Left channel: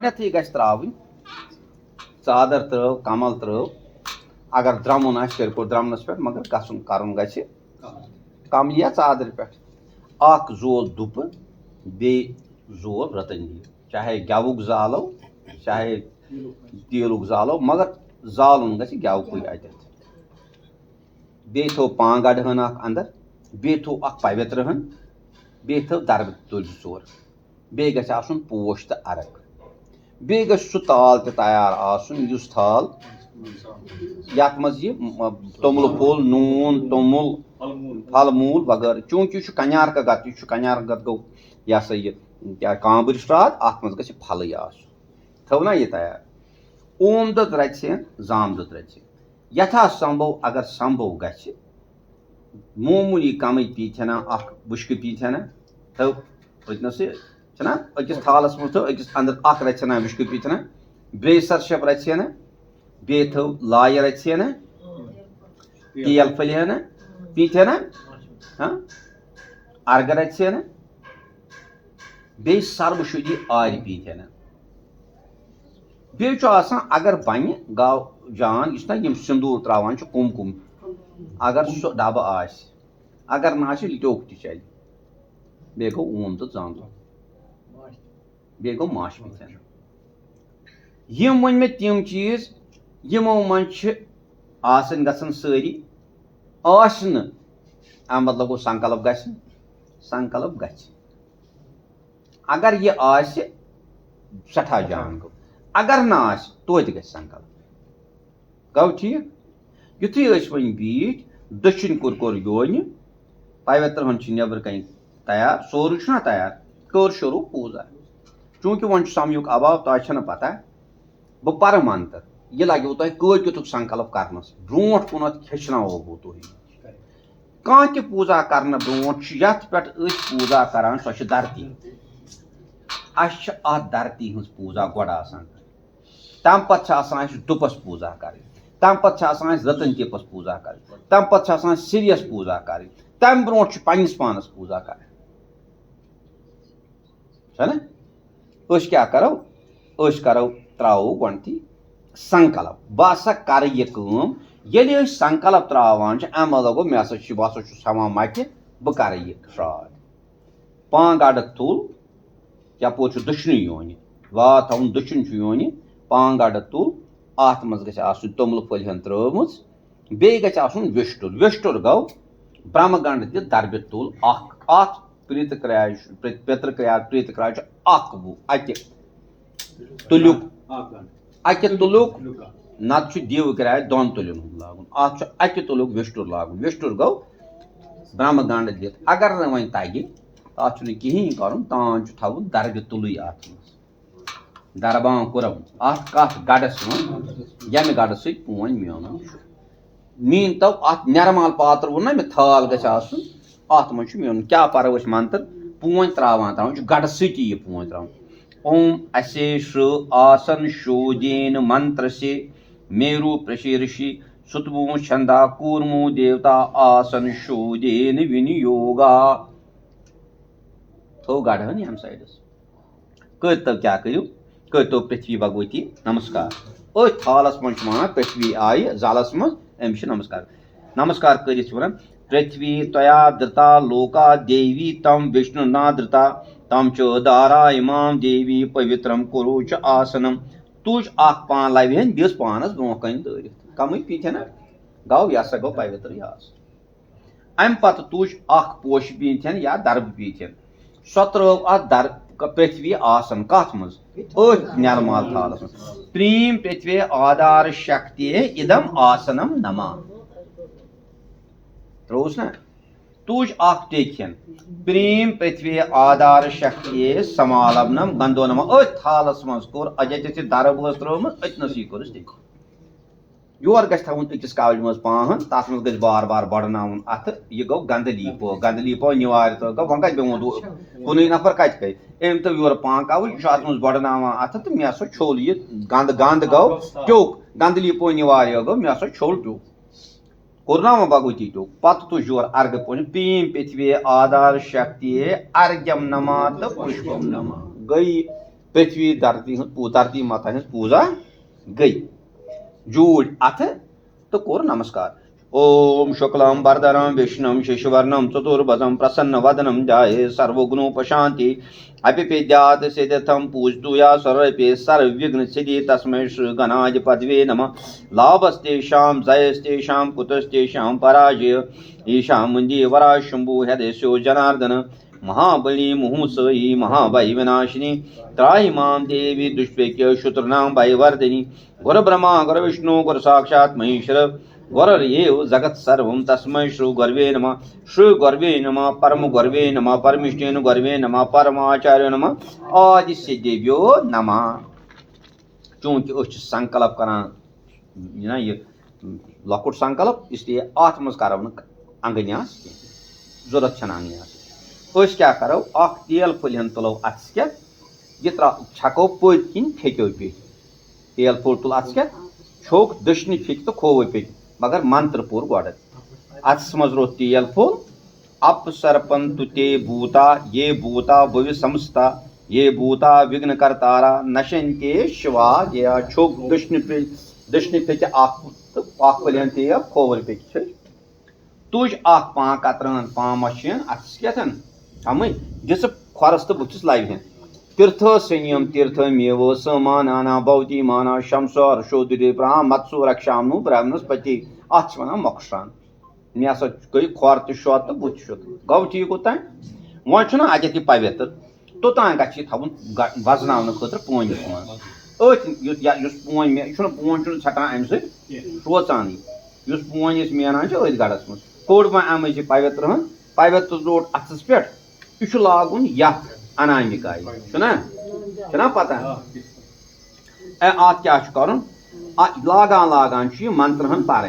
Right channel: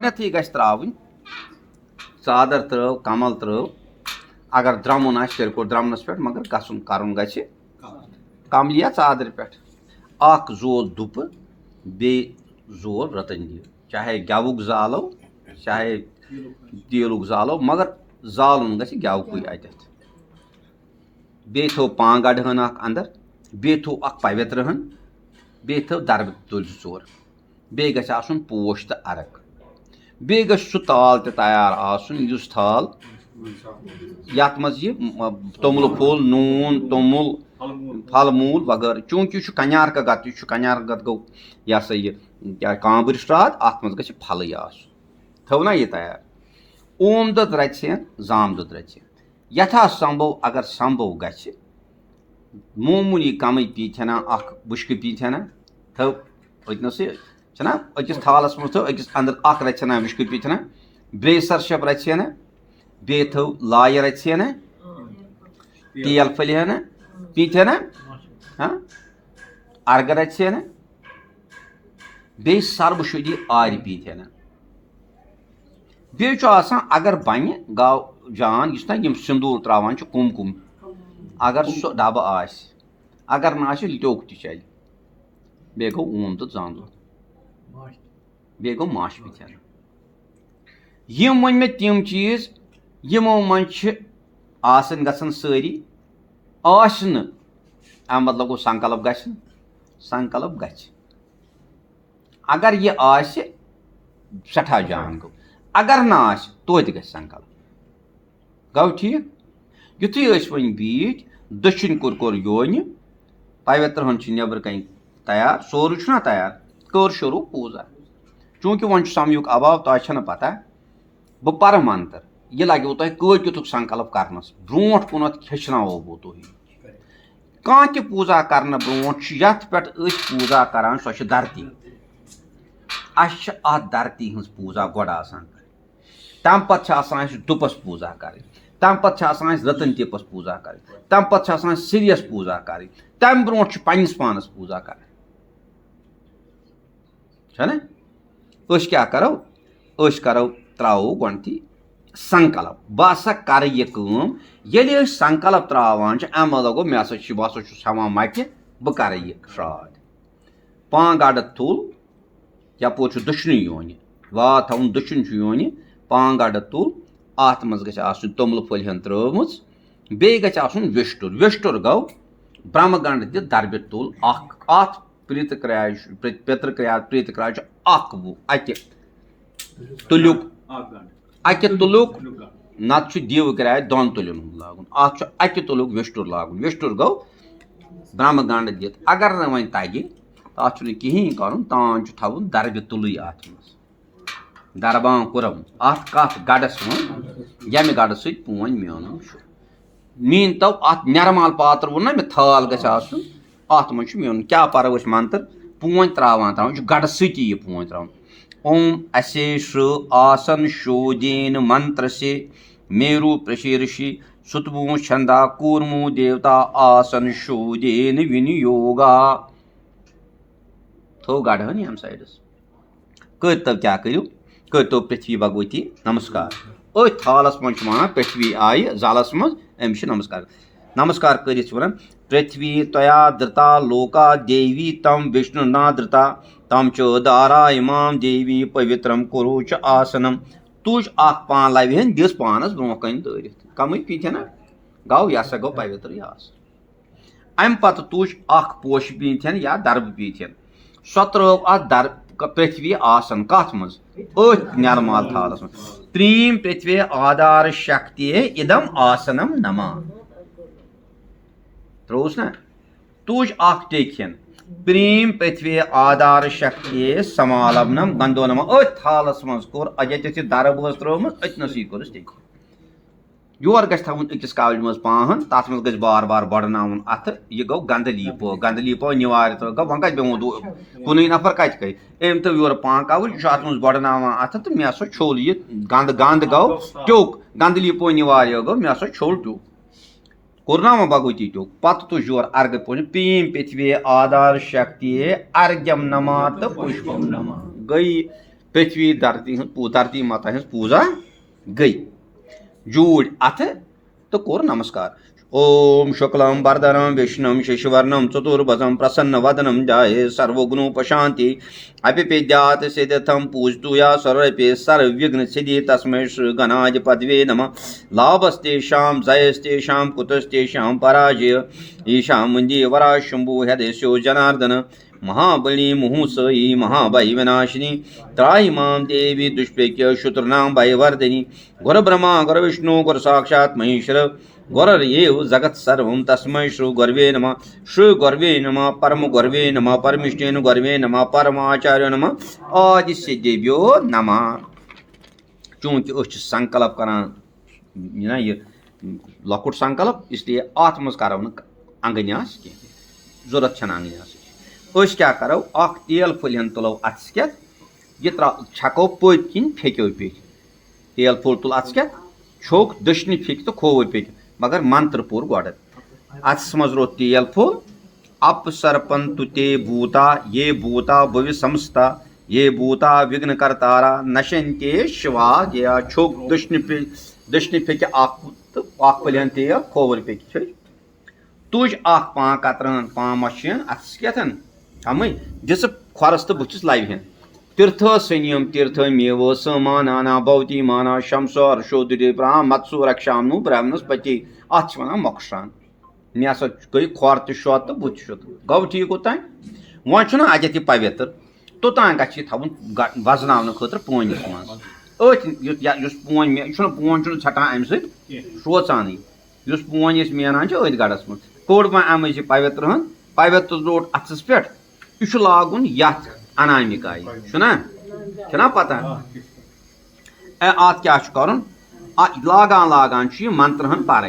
गथी गछ त्रावुन चादर त्रव कमल त्रव अगर द्रमुन आस तेल को द्रमनस पे मगर गसुन करन गछ कमल या चादर पे अख जोल दुप बे जोल रतंजी चाहे गवुक जालो चाहे तेलुक जालो मगर जालुन गछ गवुक अतत बे थो पांगड हन अख अंदर बे थो अख पवित्र हन बे थो दरब तुल चोर बे गछ आसुन पोश त अरक बे गछ सु ताल ते तैयार आसुन युस थाल यात मज ये तोमुल फूल नून तोमुल फल मूल वगैरह चूंकि कन्यार का गत कन्यार गत गो यह सा ये क्या कांबर श्राद अत मज गछ फल थो ना ये तैयार ओम दुध रचन जाम दुध रचन यथा संभव अगर संभव गछ मामूली कम पीथना अख बुश्क पीथना थो वतनस छना अकिस थालस मज थो अकिस अंदर अख रचना बुश्क पीथना ब्रेसर शप रचना बे थो लाय रचना तेल फलहना पीथना हाँ अर्ग रचना बे सर्वशुद्धि आर पीथना बे अगर बन गाव जान इस ना यम सिंदूर त्रावान कुम कुम अगर सो डब आस अगर ना लिटोक चल बे गो ओम तो जान बे गो माश पीथन यम वन मे तम चीज यमो मज आसन गसन सारी आसन मतलब गो संकल्प गसन संकल्प गछ अगर ये आस सठा जान गो अगर ना आस तो गछ संकल्प गो ठीक युथी वन बीट दक्षिण कोर योन पवित्र हन नबर कन तैयार सोरू ना तैयार कर शुरू पूजा चूंकि वन समयुक अभाव तह पता बह पर मंत्र यह लगे तुह कत युतुक संकल्प करनस ब्रोट कुन हेचनावो बह तुह कह तह पूजा कर ब्रोट यथ पे पूजा करान सो धरती अ धरती हज पूजा गोड़ तम पे दुपस पूजा कर तम पे रतन तिपस पूजा कर तम पे सिरियस पूजा कर तम ब्रोट पन्निस पानस पूजा कर क्या करो करो त्रो गथी संकल्प बह हसा कर ये संकल्प त्रावान अम लगो मे हसा बह हवा मट बह कर श्राद पांगड तुल यपोर दक्षिण योन वा थवन दक्षिण योन पांगड तुल अत मज गु तोमुल फल त्रोमच बे वेष्टुर वेष्टुर गो ब्रह्मगंड दि दरब तुल अत प्रीत क्रिया पितृ क्रिया प्रीत क्रिया अत तुलुक अकि तुलुक नत दीव क्रिया दोन तुलन लागुन अत तुलुक वेष्टुर लागुन वेष्टुर गो ब्रह्मगंड दित अगर न वन तगि अत कहें कर तान थवन दरब तुल अत दरबा कुरम अत कथ गडस यम गड सोन मेन मीन तो अत नरमाल पात्र वो ना मे थाल गन अत मज मेन क्या पर मंत्र पून त्रावान गड सती पून त्रावान ओम अशेष आसन शोदेन मंत्र से मेरु प्रशीर्षि सुतमु छंदा कूर्मु देवता आसन शोदेन विनियोगा थो गड हन यम साइडस कर क्या करू कर पृथ्वी भगवती नमस्कार थालस मज वन पृथ्वी आय जलस मज अमिस नमस्कार नमस्कार कर पृथ्वी तया धृता लोका देवी तम विष्णु ना धृता तम च दारा इमाम देवी पवित्रम कुरु च आसनम तुझ अख पान लवहन दिस पानस ब्रो कन दरित कम पीथन गौ यह गो पवित्र अम पत तुझ अख पोश पीथन या दरब पीथन सो त्रो अत दर पृथ्वी आसन कथ मज नरमाल थालस मज त्रीम पृथ्वी आधार शक्ति इदम आसनम नमा त्रोस ना तुझ अख टेखन प्रीम पृथ्वी आधार शक्ति समालवनम गंदो नमा थालस मज कोर अजत दरब त्रोम अतनस कोर टेक योर गवन अकिस कावल मज पान तथ मज बार बार बड़न अत यह गो गंदलीपो निवार तो गो वन कत बेमो कुन नफर कत गई अम तो योर पान कावल अत मज बड़न अत तो मे हसा छोल यह गंद गंद गो ट्योक गंदलीपो निवार गो मे हसा छोल ट्योक कुरनाम भगवती ट्योक पत तुझ योर अर्घ पोन पीम पृथ्वी आधार शक्ति अर्घ्यम नमा तो पुष्पम नमा गई पृथ्वी धरती माता हज पूजा गई जूड़ अथ तो कोर नमस्कार। ओम शुक्लम वरदनम विष्णुम शशिवर्णम चतुर्भुजम प्रसन्न वदनम जाये सर्वगुणोपशांति अपिपेद्यात् सिद्धम पूजतुया सर्वपे सर्वविघ्न सिद्धि तस्मै श्री गणाय पदवे नमः। लाभस्तेषां जयस्तेषां कुतस्तेषां पराजय ईशां मुञ्जे वरा शंभु हृदयस्यो जनार्दन महाबली मुहुसई महाभय विनाशिनी त्राहि मां देवी दुष्पेक्य शत्रुनां भयवर्धिनी। गुरु ब्रह्मा गुरु विष्णु गुरु साक्षात् महेश्वर गुरर्येव जगत् सर्वं तस्मै श्री गुरवे नमः। श्री गुरवे नमः परम गुरवे नमः परमेष्ठिन गुरवे नमः परमाचार्य नमः आदि सिद्धेभ्यो नमः। चूंकि संकल्प करान यह लकुट संकल्प इसलिए अत मज करो अंगन्यास कह जरूरत छन अंगन्यास क्या करो अख तेल फुल तुलो अत्स यह छको पत किन फेक्यो पे तेल फुल तुल अत्स छोक दशनि फेक तो खोव पे मगर मंत्र पुर गोड अत्स मज रो तेल फुल अपसर्पंतु ते भूता ये भूता भुवि संस्था ये भूता विघ्न करतारा नशंते शिवा गया छोक दशनि फेक अख फुल तेल खोवल पे तुज अख पां कतरन पां मशीन अत्स अमे जिस खरस तो बुस लाइव तीर्थ सनियम तीर्थ मेव समाना भवती माना शमसो अर्शो दुदे ब्राह्म मत्सु रक्षामनु ब्रह्मस्पति अत वन मोक्षान मे हसा गई खोर तो शोत तो बुत शुत गो ठीक ओतान वो अत पवित्र तोतान गवन वजन खुद पोनिस मज पोन मे पोन छटान अम सोचान पोन मेनान अथ गढ़स मज कोड़ वन अम पवित्र पवित्र रोट अथस पे यह लागुन यथ अनामिकाय पता अत क्या कर लागान लागान मंत्र पार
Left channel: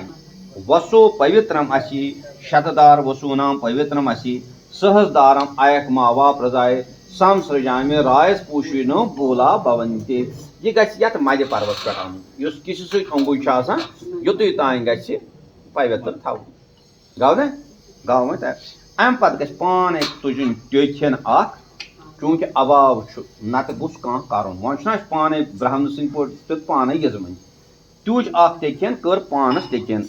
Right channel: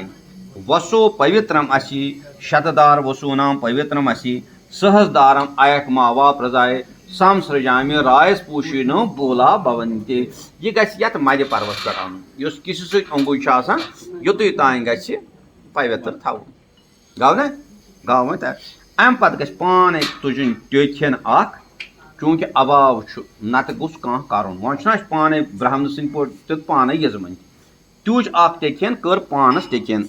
वसो पवित्रम असी शतदार वसूनाम पवित्रम असी सहस्दारम अयक मावा प्रजाए संसृजामि रायस पूशी नो बोला भवंते यह गत मध्य पर्वत पे आन किसी संगुई युत तान ग पवित्र थव गौ ना गौ वो अम पे पान तुजन टेन चूंकि अभाव नत गुस कर वो पान ब्राह्मण सो पान यजमन तुज टेन कर पानस टेन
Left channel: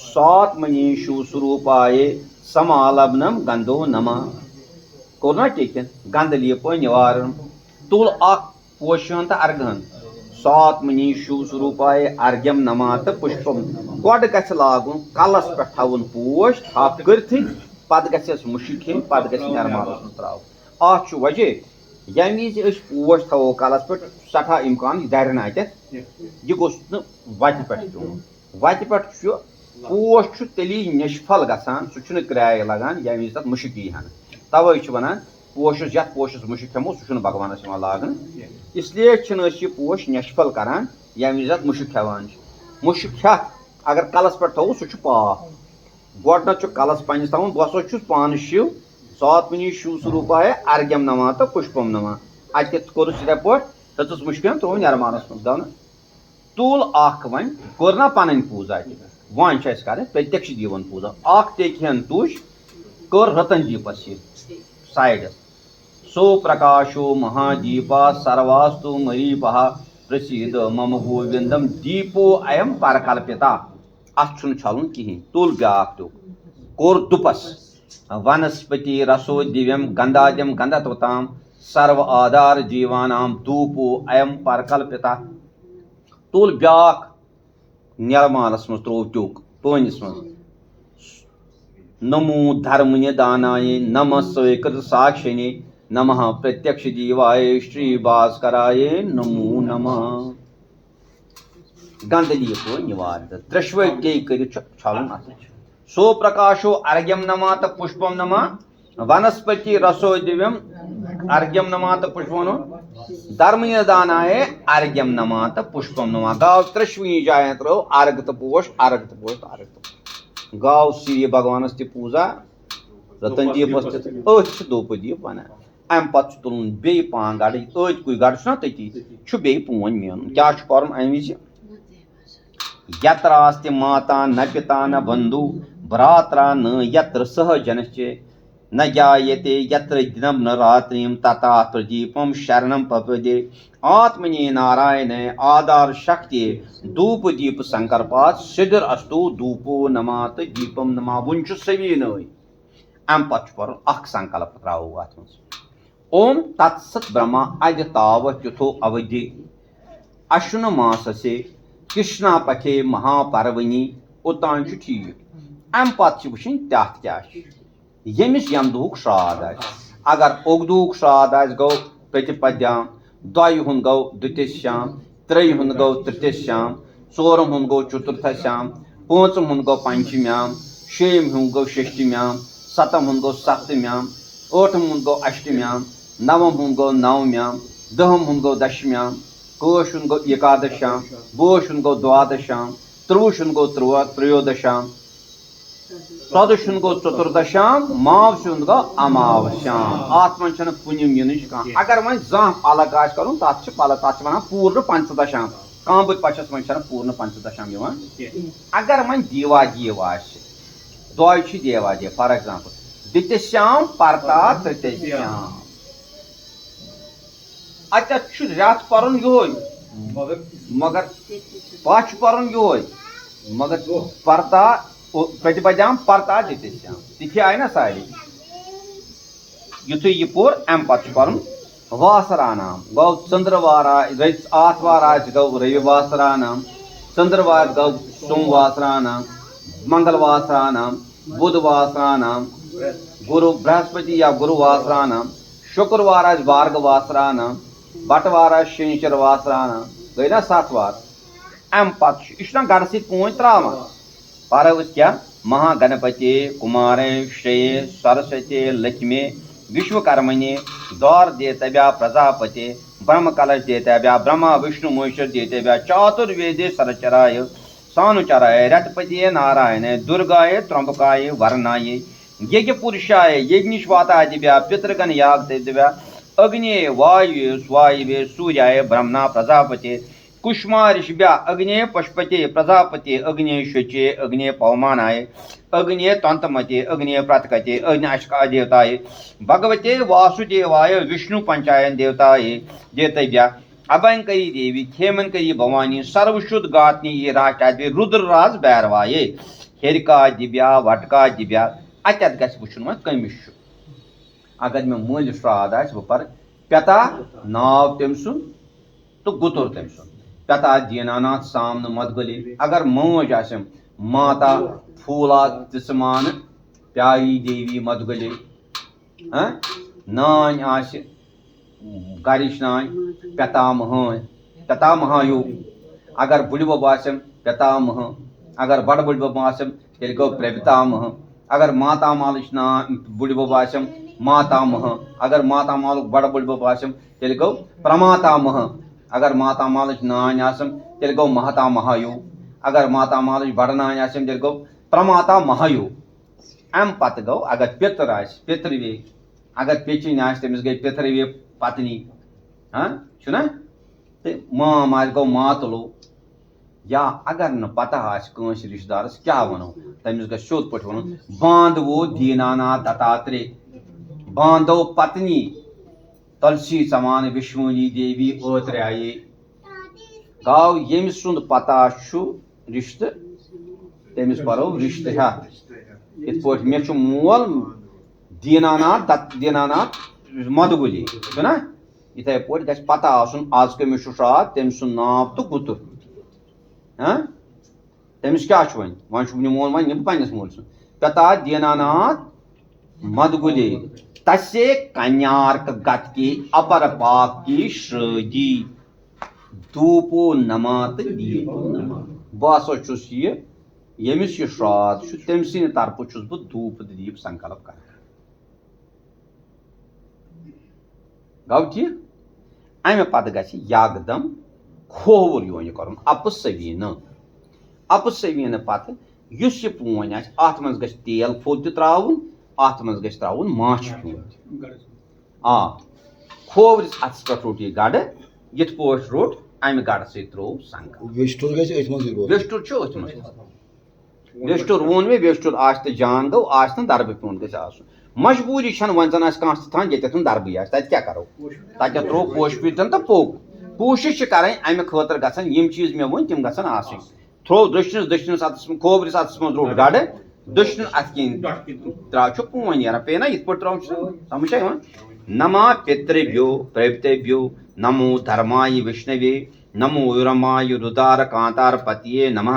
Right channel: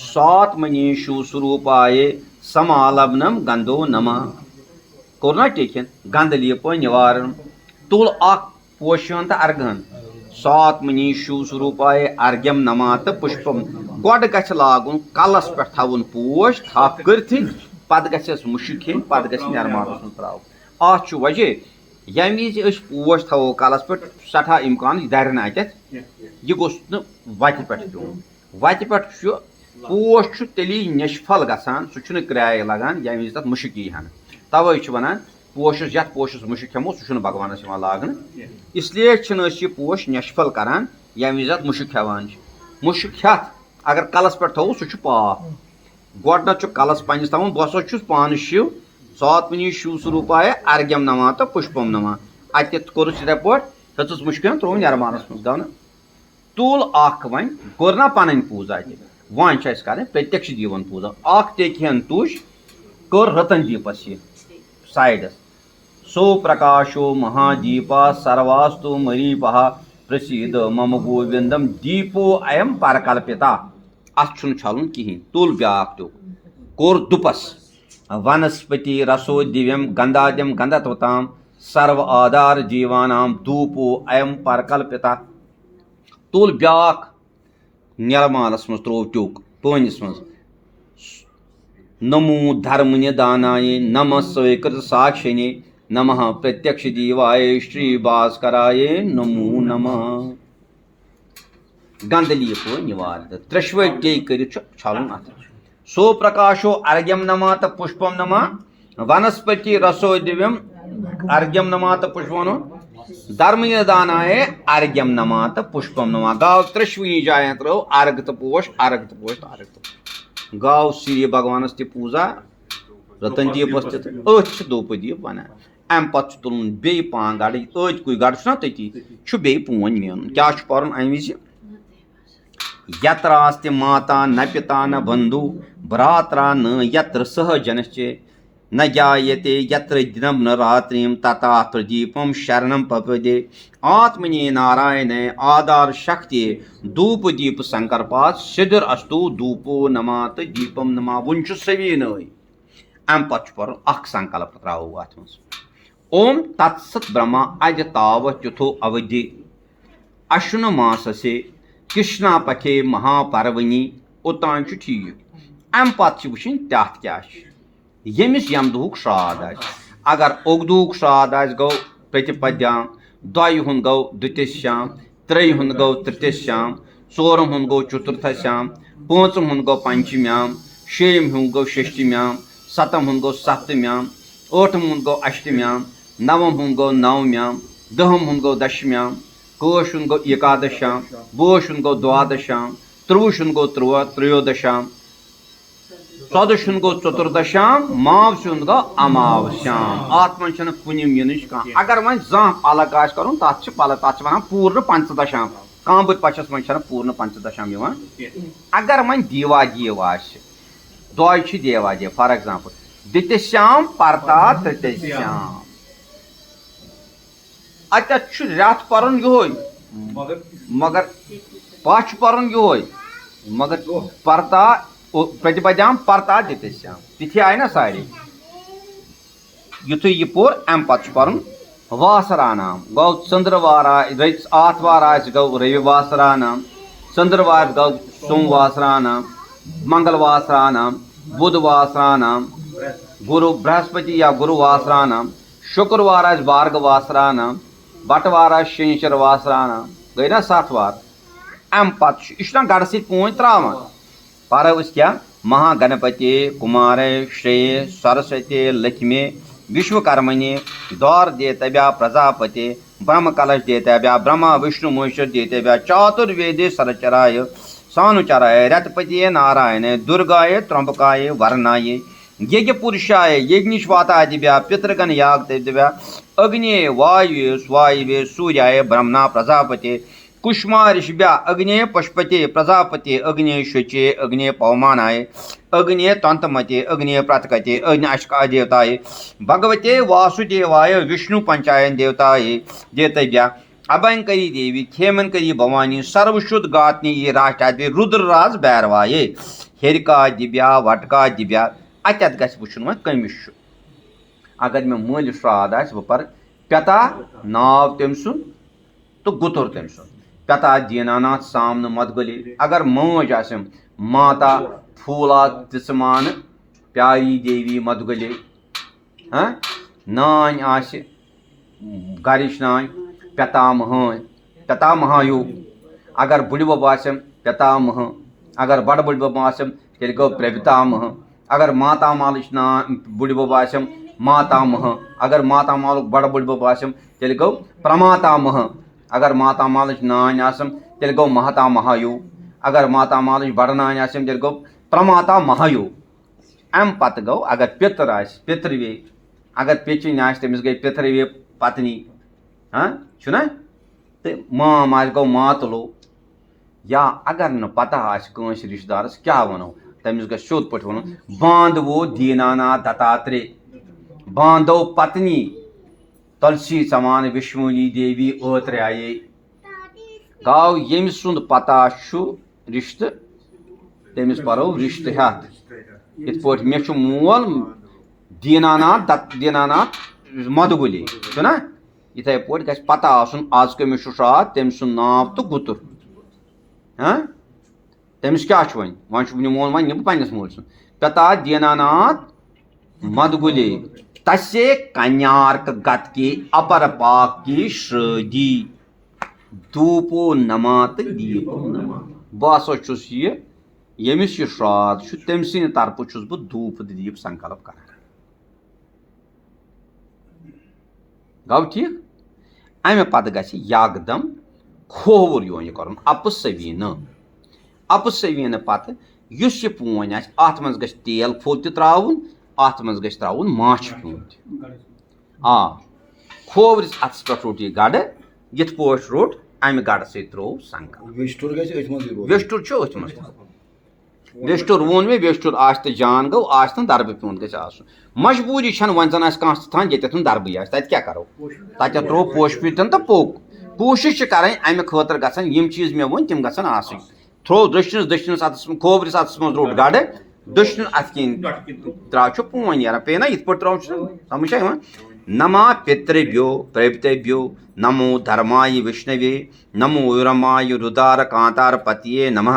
7 मनीषु स्वरूपाये समालब्नम गंधो नमा कोर टेन गंध लिप निवारण तुल पोशन तो अर्घन 7 मनीषु स्वरूपाये अर्घ्यम नमा तो पुष्पम गोड गछ लागुन कलस पे थवन पोश थप कर पत गस मुश्क खेन पत गस नरमानस त्राव अत वजह यम विज पोश थवो कलस पे सठा इम्कान दरन अत यह गोस वत पे वत पे पोश तेली निष्फल गसान सह क्राय लगान यम विज तथ मुश्क यीहन तवे वन पोशस यथ पोशस मुश्क हेमो सह भगवानस लागन इसलिए यह पोश निष्फल करान यम विज मुश्क हेवान मुश्क हेत अगर कलस पे थो सह पाप गोडन कलस पन्नस तवन बस पान शिव 7 मनीषु स्वरूपाय अर्घ्यम नमा तो पुष्पम नमा अत कोर हेचस मुश्क त्रो नरमानस मज गो तुल वन कोर ना पन पूजा वन कर प्रत्यक्ष दीवन पूजा टेन तुज कर रतन दीपस साइडस सो प्रकाशो महादीपा सर्वास्तु मरीपः प्रसीद मम गोविंदम दीपो अयम परकल्पिता अत छलुन कहें तुल ब्याक तो कोर दुपस वनस्पति रसो दिव्यम गंधाद्यम गंधत्वताम सर्व आधार जीवानाम धूपो अयम परकल्पिता तुल ब्याक निलमालस मज त्रो ट्यूक पनिस मज नमो धर्म निदानाय नमः स्वीकृत साक्षिणे नमः प्रत्यक्ष दीवाय श्री भास्कराय नमो नमः गंधलीप निवारित त्रिश्व कर छलुन सो प्रकाशो अर्घ्यम नमा तो पुष्पम नमा वनस्पति रसो दिव्यम अर्घ्यम नमा तो पुष्पम धर्म दानाय अर्घ्यम नमा तो पुष्पम नमा गाव त्रिश्वी जाय त्रो अर्घ तो पोश अर्घ तो पोश अर्घ तो गाव श्री भगवानस ति पूजा रतन दीपस धूप दीप वन अम पे तुलन बे पान गड़ अत कुछ गड़ तती बे पोन मेन क्या पर अम विज यत्रास्ति माता न पिता न बंधु भ्रात्रा न यत्र सह जनश्चे न ज्ञायते यत्र दिनं न रात्रिं तथा प्रदीपम शरणम पपदे आत्मने नारायणे आधार शक्ति धूप दीप संकल्पात सिद्धर अस्तु धूपो नमा तो दीपम नमा वन सवी नई अम पे अख संकल्प त्रो अत ओम तत्सत ब्रह्मा अज तावत युथो अवधि अश्विन मास से कृष्णा पखे महापर्वणि ओतान ठीक अम पे वुन तथ क्या यमिस यम दुख श्राद्ध अगर ओगदुक श्राद्ध गो प्रतिपद्याम दय हुंद गो द्वितीयश्याम त्रेय हुंद गो तृतीयश्याम चोरम हुंद गो चतुर्थश्याम पांचम हुंद गो पंचम्याम शेम हुंद गो षष्ठम्याम सतम हुंद गो सप्तम्याम आठम हुंद गो अष्टम्याम नवम हुंद गो नवम्याम दहम हुंद गो दशम्याम कोश हुंद गो एकादश्याम बोश हुंद गो द्वादश्याम त्रुश हुंद गो त्रयोदश्याम चौदह गो चतुर्दशाम माव गो अमावस्याम आत्मा कुन अगर वह जह अलग कर तथ वन पूर्ण पंचदशाम कांबुर पचस मन पूर्ण पंचदशाम अगर वह दीवा जीव दय देवा जीव फॉर एग्जाम्पल द्वितीयश्याम परता तृतीयश्याम अत रेत पर मगर पच पर मगर परता प्रतिपद्याम परता द्वितीयश्याम तिथि आय ना सारी युथु यह पोर अम पे वासरा नाम गौ चंद्रवार आथवार गौ रविवासरा नाम चंद्रवार गौ सोमवासरा नाम मंगलवासरा नाम बुधवासरा नाम गुरु बृहस्पति या गुरुवासरा नाम शुक्रवार भार्गवासरा नाम बटवार शनिचर वासरा नाम गई ना 7 वार अम पे यह गढ़ सत पोच त्रावान पर क्या महागणपति कुमारे श्रेय सरस्वती लक्ष्मी विश्वकर्मणि दौर देतव्या प्रजापति ब्रह्म कलश देतव्या ब्रह्मा विष्णु महेश्वर देतव्या चातुर्वेदे सरचराय सानुचराय रथपति नारायण दुर्गाय त्र्यंबकाय वरनाय यज्ञ पुरुषाय यज्ञश्वातादिव्या पितृगण याग देतव्या अग्नि वायु स्वायवे सूर्याय ब्रह्मणा प्रजापति कुष्मा ऋषिभ्या अग्नि पशुपते प्रजापति अग्नि शुचे अग्नि पवमानाय अग्नि तंतमते अग्नि प्रातकते अग्नि अशका देवताय भगवते वासुदेवाय विष्णु पंचायन देवताय देतव्या अभयंकरी देवी खेमनकरी भवानी सर्वशुद्ध गात्नी ये राष्ट्रादि रुद्रराज बैरवाये हेरिका दिव्या वटका दिव्या अत्यत गछ वुचुन कमिश अगर मे मूल श्राद्ध आस बह पर पिता नाव तम सुन तो गुतुर तम सुन पिता दीनानाथ सामन मदगुलि अगर मौज आसम माता फूला तिसमान प्यारी देवी मदगुलि नान आस गरिश नान पितामहायु अगर बुढ़ आसम पितामह अगर बड़ बुढ़ आसम तेल गो प्रपितामह अगर माता मालिश नान बुढ़ आसम मातामह अगर माता माल बड़ बुढ़ आसम तेल गो प्रमातामह अगर माता मालिश नान आसम तेल गो महता महायु अगर माता मालिश बड़ नान आसम तेल गो प्रमाता महायु अम पत गो अगर पितर आस पितृवे अगर पेचिन आस तमिस गई पितृवे पत्नी छुना तो माम आस गो मातलो या अगर न पता आस कंस रिश्तेदारस क्या वनो तमिस गो शोध पठ वनो बांधवो दीनानाथ दत्तात्रेय बांधो पत्नी तुलसी समान विष्णुनी देवी ओत्र्याय गाव यम सुंद पता रिश्त तमिस परो रिश्त हथ इत पे मे मोल दीनानाथ मदगुली ना इथे पे गि पता आसन आज कमिस श्राद्ध तम सुन नाव तो गुतुर तमिस क्या वन मोल वन पन्नस मोल सुन पिता दीनानाथ मदगुली तसे कन्यार्क गत की अपर पाक की श्रदी धूपो नमात दीपो नमा बस यमिस श्राद्ध तम सद तरफ बह धूप दीप संकल्प कर गौ ठीक अमे पत गदम खोवर यो कर अपसवीन पत यह पोन अत मज ग तेल फुल त्राउन अत मज ग त्राउन माछ फूट खोवरिस अत्स पे रोट यह गड़ यथ पोट रोट अमे गड़ सो संकल्प वेस्टुर अथ मज बेस्टुर वोन मे बेस्टुर आश तो जान गो आश तो दरब पेन गई मजबूरी वन जन कहान ये दरब तत क्या करो तत त्रो पोश पीतन तो पोक कोशिश कर अमे खतर गम चीज मे वन तम गन आस थ्रो दशनस अतस खोबरस अतस मज रोट गड़ दशन अत त्रा पोन नीर पे ना इत त्रो समझ नमा पितृभ्यो प्रभृतेभ्यो नमो धर्माय विष्णवे नमो उरमाय रुदार कांतार पतिये नमः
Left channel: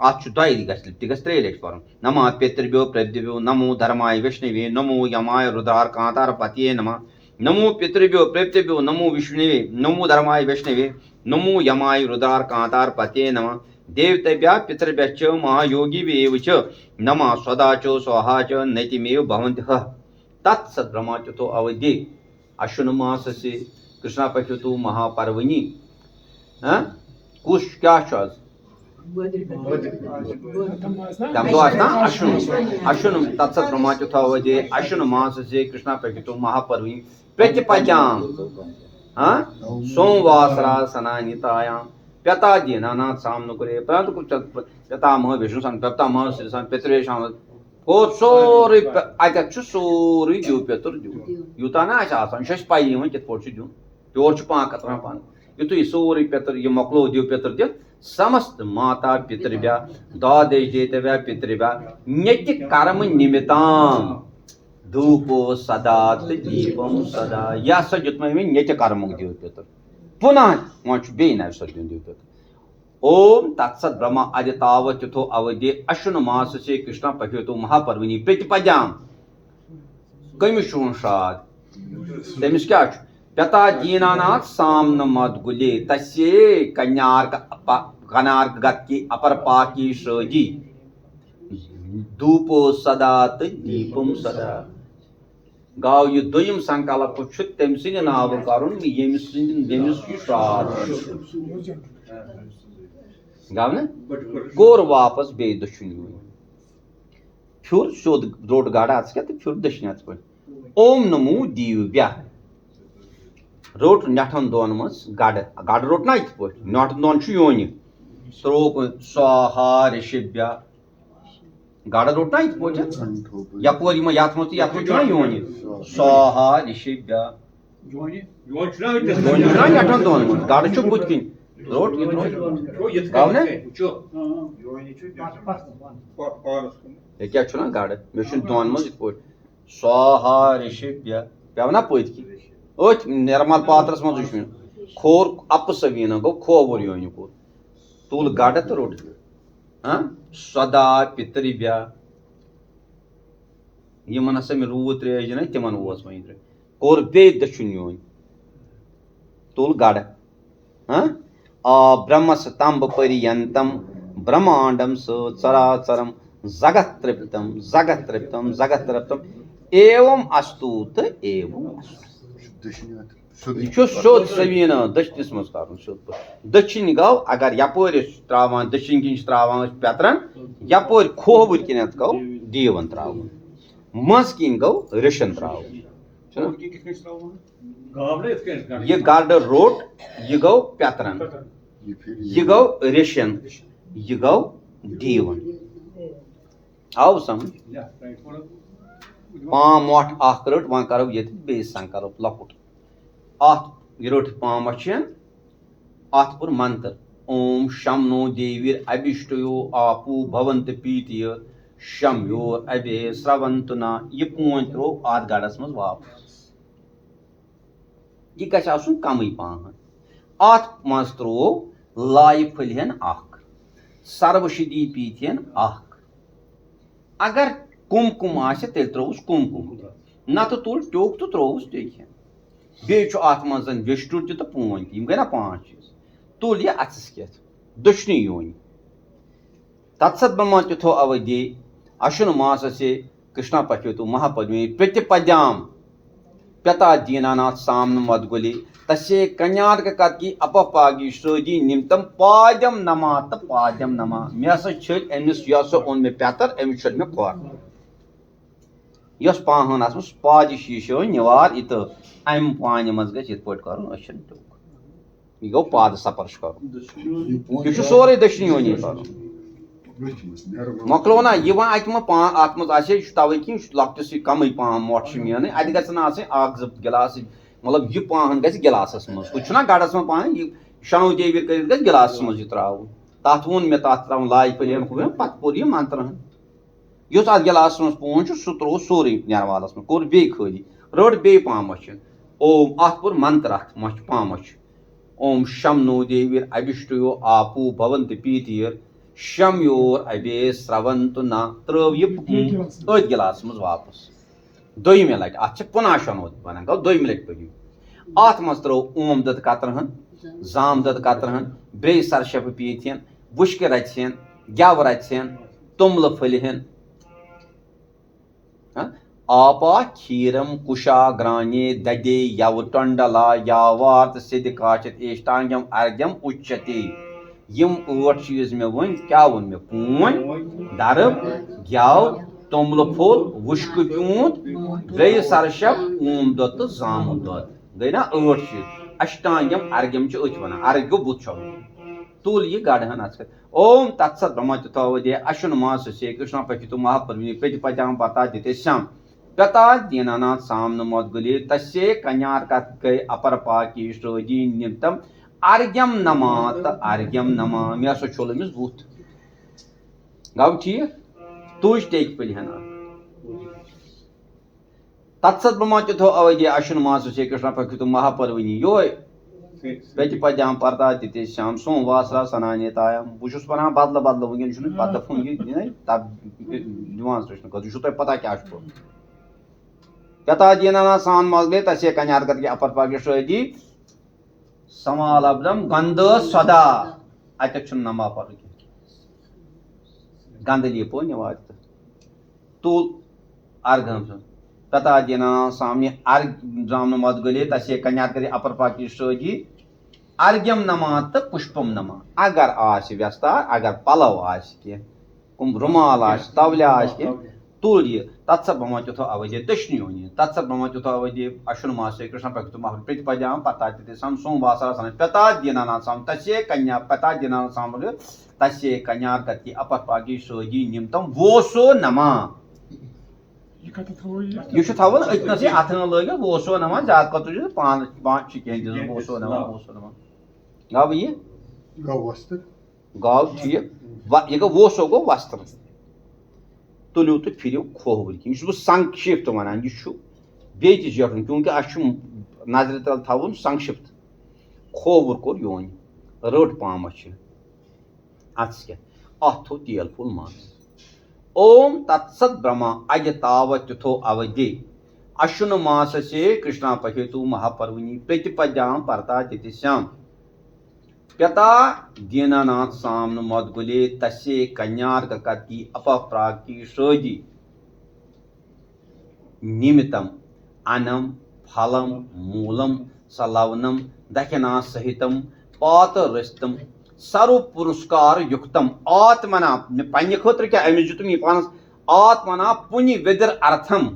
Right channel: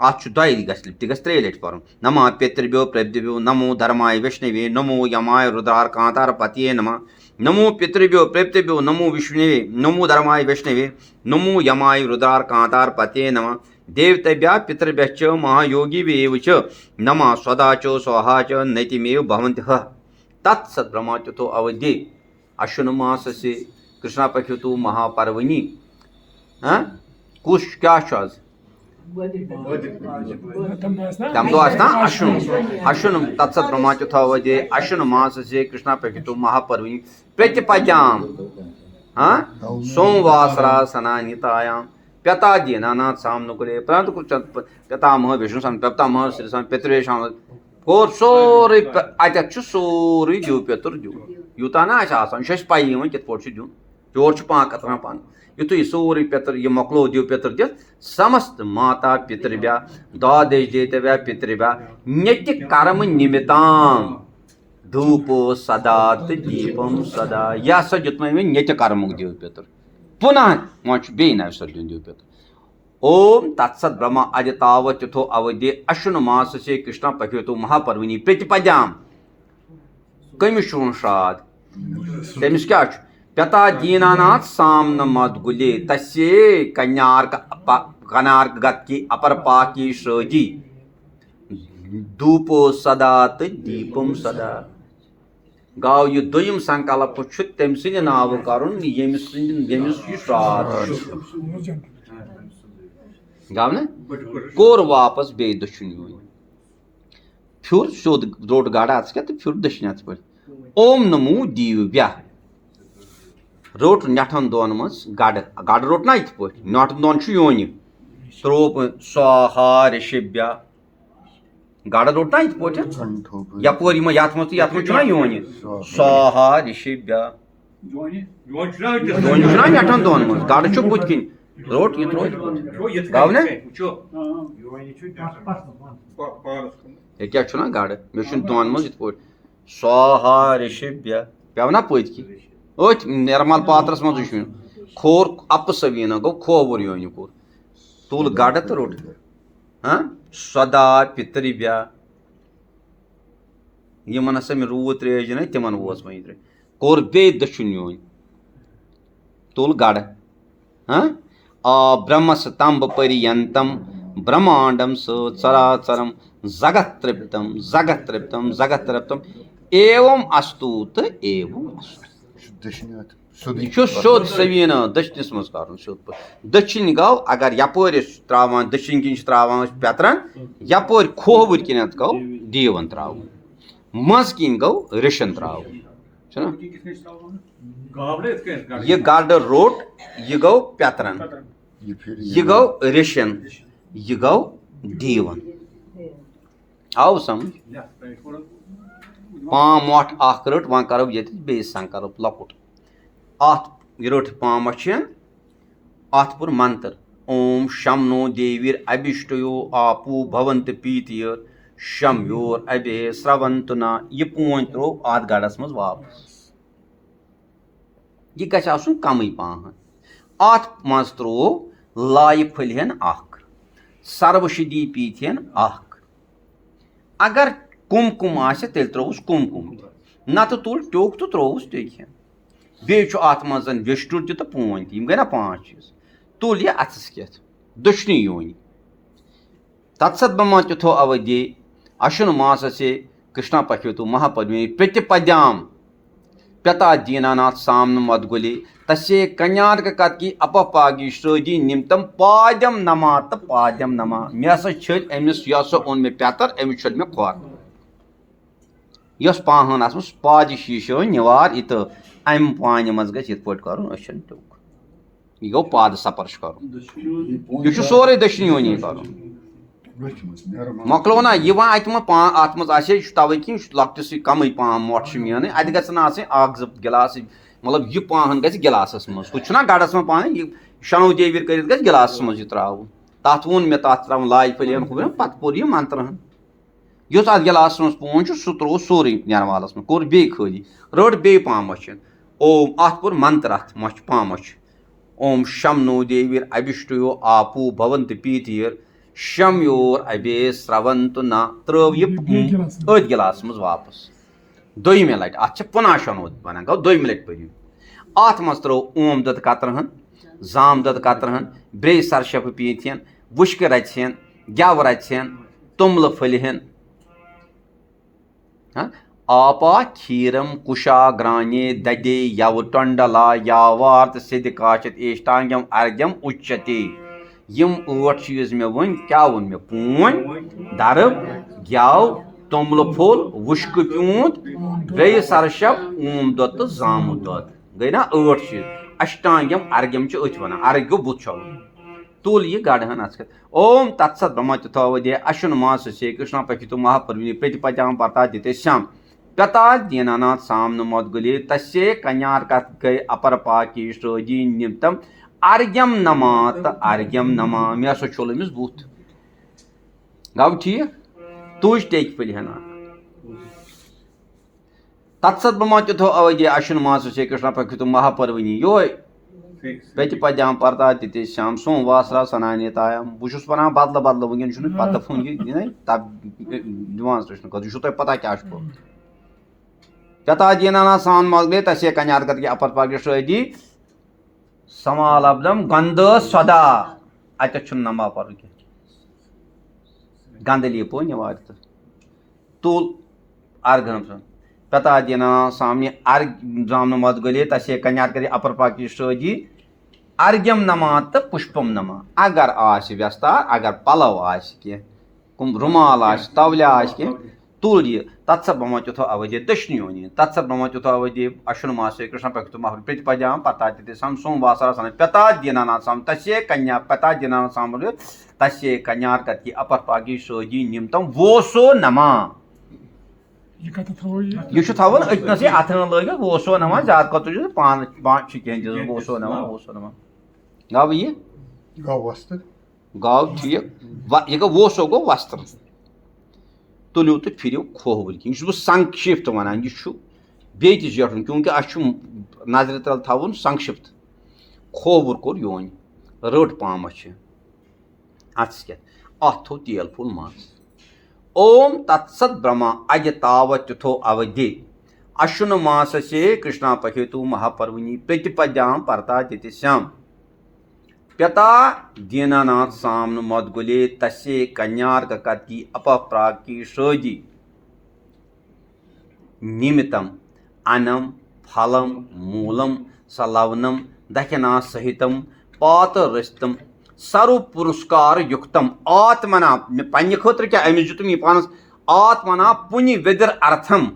अत त्रे लट कर नमा पितृभ्यो प्रभृतिभ्यो नमो धर्माय विष्णवे नमो यमाय रुद्रार कांतार पतिये नमः नमो पितृभ्यो प्रभृतिभ्यो नमो विष्णवे नमो धर्माय विष्णवे नमो यमाय रुद्रार कांतार पतिये नमः देवतेभ्यः पितृभ्यश्च महायोगिभ्येव च नमः स्वधा च स्वाहा च नैतिमेव भवन्त्यः तत्सत् ब्रह्मच्युतो अवधि अश्विन मास से कृष्णा पक्षु महापर्वणि कुछ क्या तम दो अश्विन तत्सत ब्रह्मच्युतो अवधि अश्विन मास से कृष्णा पक्षु महापर्वणि प्रतिपद्याम सोमवासरा सनानितायाम प्यता दीनानाथ सामनुकुले परंतु पितामह विष्णु सन पितामह श्री सन पितृेशाम कोर सोरे अत सोरे दिव पेतर दिव यूता ना शश पाई कित पे दिन योर पाक पान युत सोरे पेतर यह मकलो दिव पेतर दित समस्त माता पितृभ्या द्वादश देतव्या पितृभ्या नित्य कर्म निमिताम धूपो सदा दीपम सदा यह सा दित नित्य कर्म दिव पेतर पुनः वह बे सर दिन दिव पेतर ओम तत्सत ब्रह्म अदितावच्युतो अवधि अश्विन मास से कृष्ण पक्षो महापर्वणि प्रतिपद्याम कमिस श्राद तमिस क्या पिता दीनानाथ सामन मदगुले तस्ये कनार्क गत्की अपर पाकी श्रजी धूपो सदा तो दीपम सदा गाव यह दोयम संकल्प तम सद नाव कर यमिस श्राद गाव ना कोर वापस बे दशुन फिर सोद रोट गाड़ा क्या तो फिर दशन पे ओम नमो दीव्या रोट नठन दोन मज गड़ रोट ना इत पे नठन दोन योन त्रोप स्वाहा ऋषिभ्या गड़ रोट ना इत पे यपोर यथ योन स्वाहा ऋषिभ्या नठन दोन मज गड़ बुत किन रोट ये गाव ना क्या गड़ मे दोन मज इत स्वाहा ऋषिभ्य पे ना पत अथ निर्मल पात्रस मज खोर अप सवीन गो खोवर योन कोर तुल गड़ तो रोट सदा पितृभ्या यमन हसा मे रूद त्रेश दिन तिमन वोस वह कोर बे दशुन योन तुल गड़ ब्रह्मस्तंभ पर्यंतम ब्रह्मांडम सचराचरम जगत तृप्तम एवं अस्तु तो एवं सोद सवीन दशनस मज कर दक्षिण गो अगर यपोर त्रावान दक्षिण किन त्रावान पेतरन यपोर खोवर किन गो दीवन त्रावन मज किन गो ऋषन त्रावन ये गड़ रोट यह गो पेतरन यह गो ऋषन यह गो दीवन आव समझ पाम मोट अख रट वह करो ये बे संकल्प लकुट अत रट पाम अत पुर मंत्र ओम शम नो देवीर अभिष्टयो आपू भवंत पीतिय शम योर अभे स्रवंत न यह पोन त्रो अत गड़स मज वापस यह गु कम पहन अत मज त्रो लाय फलहन अख सर्वशदी पीथन अख अगर कुमकुम आसे तेल त्रोवस कुमकुम न तो तुल टोक तो त्रोवस टेकन बे अत मज वेस्टुर तो पोन तम गई ना 5 चीज तुल यह अथस कत दशनी योन तत्सत ब्रह्मच्युतो अवधि अश्विन मास से कृष्णा पक्षो महापर्वणि प्रतिपद्याम पिता दीनानाथ सामन मदगुले तस्य कन्यार्क कत्की अपपागी श्रोदी निमतम पाद्यम नमा तो पाद्यम नमा मे हसा छल अमिस यह ओन मे पेतर अमिस छल मे खोर यस पाहन आस पाद शीशो निवार इत अम पान मज गि इत पे कर यह गो पाद सपर्श कर सोरे दशनी योनी कर मकलो ना यह अत मे तवे कि लकटिस कम पान मोट मेन अत गि गिलास मतलब यह पान ग गिलासस मज हूँ गड़स में पान यह शनो देवीर कर गिलास मज त्रा तथ वो मे तथ त्रा लाज पलियन पे पोर यह मंत्र युस अत गिलास मज पोन सह त्रो सोरे जानवालस में कोर बे खाली रट बे पान मच ओम अत पोर मंत्र अत मच पान मच ओम शम नो देवीर अभिष्टयो आपू भवंत पीतीर शम योर अबे स्रवंत न त्रो यह अथ गिलास मज वापस दोमे लट अत पुनः शनोद वन गो दोमे लट पयु अत मज त्रो ओम दत कतरहन जाम दत कतरहन ब्रे सरशप पीथियन वुश्क रचन गव रचन तुमल फलहन आपा क्षीरम कुशा ग्राने ददे यव टंडला यावार्त सिद्ध काशत एष्टांगम अर्घ्यम उच्यते यम 8 चीज मे वन क्या वन मे पून दरब ग्याव तुमल फुल वुश्क प्यूंत ब्रे सरशप ओम दत जाम दत गई ना 8 चीज अष्टांगम अर्घ्यम अथ वन अर्घ्य बुत छो तुल यह गढ़हन अत ओम तत्सत ब्रह्मत्युथावदे अश्विन मास से कृष्ण पक्षितु महापर्वणि प्रतिपद्याम पता दिते श्याम पता दीनानाथ सामन मदगुले तस्ये कन्यार कथ गए अपर पाकी श्रोजी निमित्तम अर्घ्यम नमात अर्घ्यम नमा मे सो छोलमिस बूथ गव ठीक तुज टेक पलिहना तत्सत ब्रह्मत्युथो अवदे अश्विन मास से कृष्ण पक्षितु महापर्वणि यो प्रतिपद्याम पर्ता दिते श्याम सोमवासरा सनान्यतायाम बुशुस वनान बदल बदल वुन छुन पता फोन ये तब दिवान कृष्ण को जो तो पता क्या छो तथा दीनाना सान मगले तसे कन्यार के अपर पागे श्रदी समालब्धम गंध सदा अत छुन नमा पर के गंधली पोन वात तुल अर्घम तथा दीना सामने अर्घ जाम मद गले तसे कन्यार के अपर पागे श्रदी अर्घ्यम नमात पुष्पम नमा अगर आस व्यस्तार अगर पलव आस के कुम रुमाल आस तवल्या आस के तुल ये तत्सत ब्रह्मत्युथो अवधि दक्षिणयोनि तत्सत ब्रह्मत्युथो अवधि अश्विन मासे कृष्ण पक्षितु महा प्रतिपद्याम पतातिते सम सोमवासरा सन पता दीनाना साम तस्य कन्या पता दीनाना साम तस्य कन्यार कति अपर पागी सोजी निमतम वोसो नमा ये थवन अतन से अथन लग वोसो नमा जात कतु पान पांच चिकन वोसो नमा गाव ये गाव वस्त्र गाव ठीक ये वोसो गो वस्त्र तुलियो तो फिर खोहबल कि यह संक्षिप्त वन यह बे जटन क्योंकि अ नजर तल थवन संक्षिप्त खोवर कोर योन रट पाम अत थो तेल फुल मास ओम तत्सत ब्रह्मा अज तावत्युथो अवधि अश्विन मास से कृष्णा पहेतु महापर्वणि प्रतिपद्याम पर्ता दिति श्याम पता दीनानाथ सामन मदगुले तस्य कन्यार कति अपप्राकी श्रोदी निमित्तम अनम फलम मूलम सलवनम दक्षिणा सहितम पात रस्तम सर्व पुरस्कार युक्तम आत्मना पन्ने खतर क्या अमिस जुतम यह पानस आत्मना पुण्य विदर अर्थम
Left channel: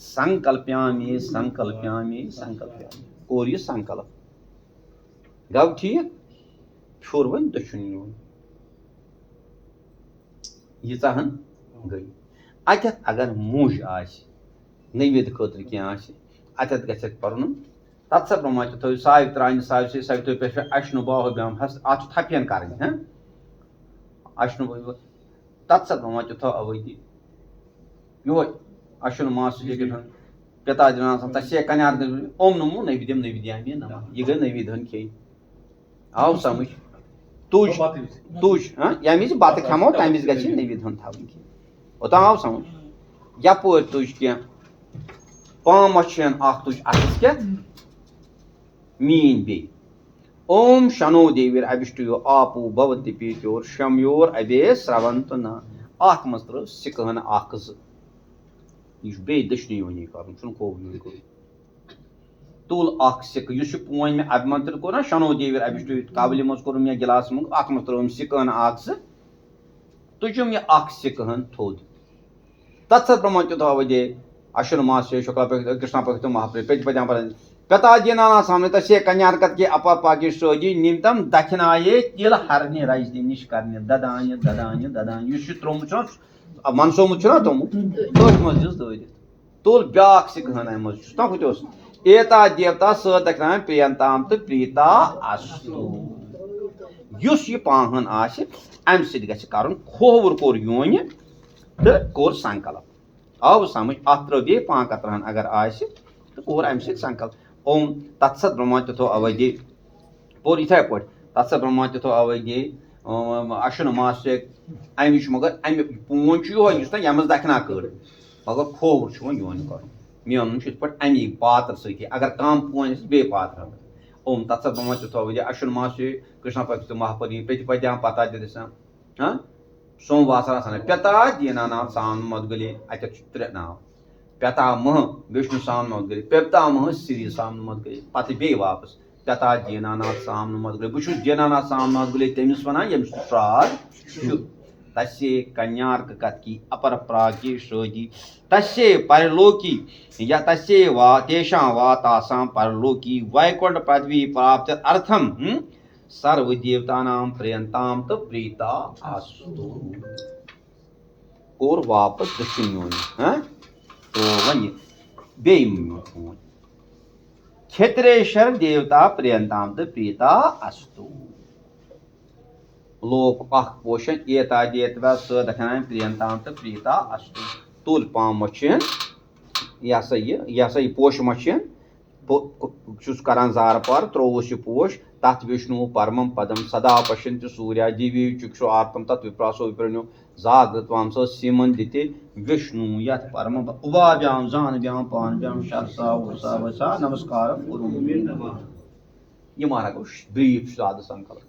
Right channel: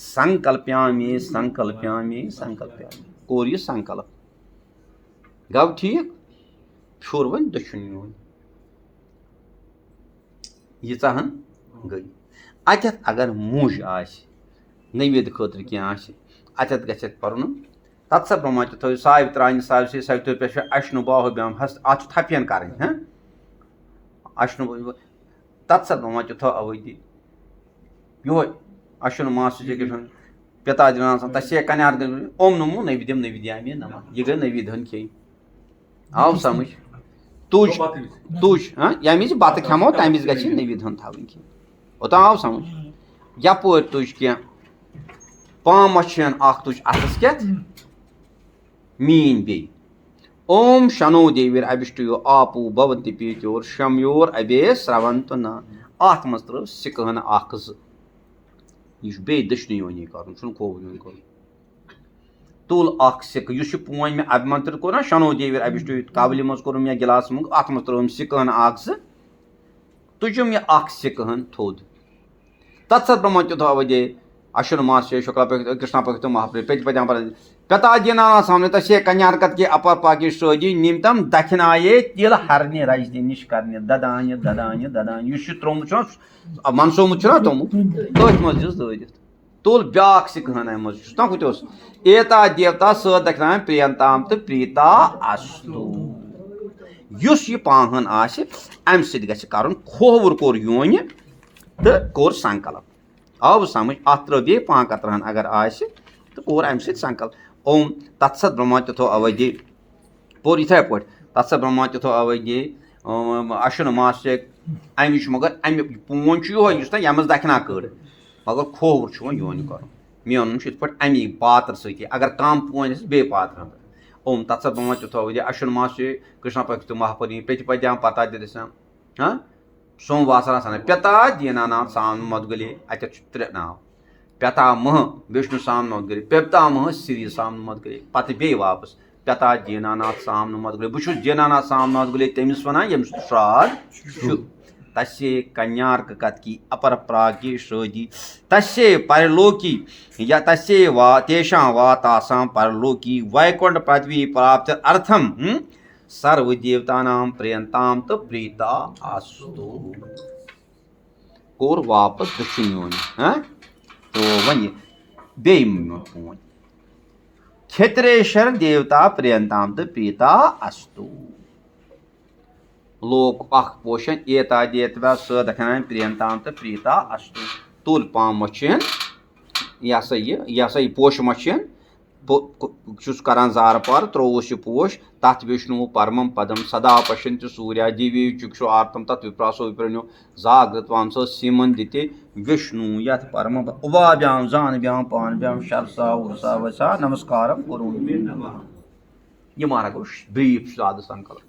संकल्प्यामि संकल्प्यामि संकल्प्यामि कोर यह संकल्प गव ठीक छोर वन दक्षिण यीहन गई अत अगर मूज नवेद खतर कह अत गि पर्न तत्सत ब्रह्मत्युथो सावित्रानि सावित्री सवित्र पे अश्नु बाहुभ्याम हस्त अत थपियन कर अश्नु तत्सत ब्रह्मत्युथो अवधि यो अश्विन मास पिता दिना तस्य कन्यार ओम नमो नैवेद्यम नैवेद्यामि नमः यह गई नैवेद्यन खे आव समझ तुज तुज यमिस बत खमो तमिस गि नैवेद्यन थवन ओत आव समझ यपोर तुज कह पाम तुज अतस के मीन बे ओम शनो देवीर अभिष्टयो आपू भवंति पीत्योर शमयोर अबे स्रवंत न अत मज त्रो सिकहन यह बे दक्षिण योनि कर खोव तुल सिक पोन मे अभिमंत्रित कोर ना शनो देवीर अभिष्टयो कावलि मज कोर मे गिलास मुंग अत मज त्रो सिकहन तुजम यह सिकहन थोद तत्सत ब्रह्मत्युथो अवधि अश्विन मास शुक्ला कृष्णा पक्षितु महाप्रे प्रतिपद्याम Pyatadina सामने तसे कन्यारकत के अपर पाकि सोजी निमतम दखनाये तिल हरने राजनी निश करने ददान्य ददान्य ददान्य युश त्रोम छ मनसो मु छ तुम तोच मज जस दोदित तोल ब्याक से कहना मज ता कुतोस एता देवता स दखना प्रियंताम त प्रीता अस्तु युस ये पाहन आसे अम सिद गछ कारण खोवर कोर योन त कोर संकल्प अब समझ अत्र बे पाकत्रन अगर आसे तो कोर अम सिद संकल्प ओम तत्सत ब्रह्मत्यथो अवधि पोर इथे पट तत्सत ब्रह्मत्यथो अवधि अशन मास अमिश मगर अम पून यो यमस दखना कर मगर खोवर छ योन कर मेन पट अमी पात्र सती अगर कम पून बे पात्र ओम तत्सत ब्रह्मत्यथो अवधि अशन मास कृष्ण पक्ष महापरि प्रतिपद्याम पता दिशा हाँ सोमवासरा सन प्यता दीना नाम साम मदगले अत त्रे नाम प्यता मह विष्णु साम मदगले प्यता मह श्री साम मदगले पत बे वापस प्यता दीनानाथ साम मदगले बुश दीनानाथ साम मदगले तमिस वना यमस श्राद्ध तस्य कन्यार्क कत की अपर प्रागी शोधि तस्य परलोकी या तस्य वा तेषां वातासां परलोकी वैकुंठ पदवी प्राप्त अर्थम सर्व देवतानां प्रियंताम तो प्रीता अस्तु और वापस दक्षिण योनि हाँ तो वही बेम फोन क्षेत्रेश्वर देवता प्रियंताम तो प्रीता अस्तु लोक अख पोषण एता देवता स दखना प्रियंताम तो प्रीता अस्तु तुल पाम मचन यह पोष मचन चुस करान जार पर त्रोवश पोष तथ विष्णु परमं पदम सदा पश्यन्ति सूर्या दिव्य चक्षु आर्तम तत् विप्रासो विप्रणो जागृतवांस सीमन दिते विष्णु यथ परम उभाभ्याम जाह्नव्याम पाणभ्याम शरसा उषा वसा नमस्कारम कुरुमे नमः। ये मारा को ब्रीफ साध संकल्प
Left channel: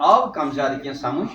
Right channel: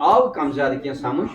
अब कम ज्यादा क्या समझ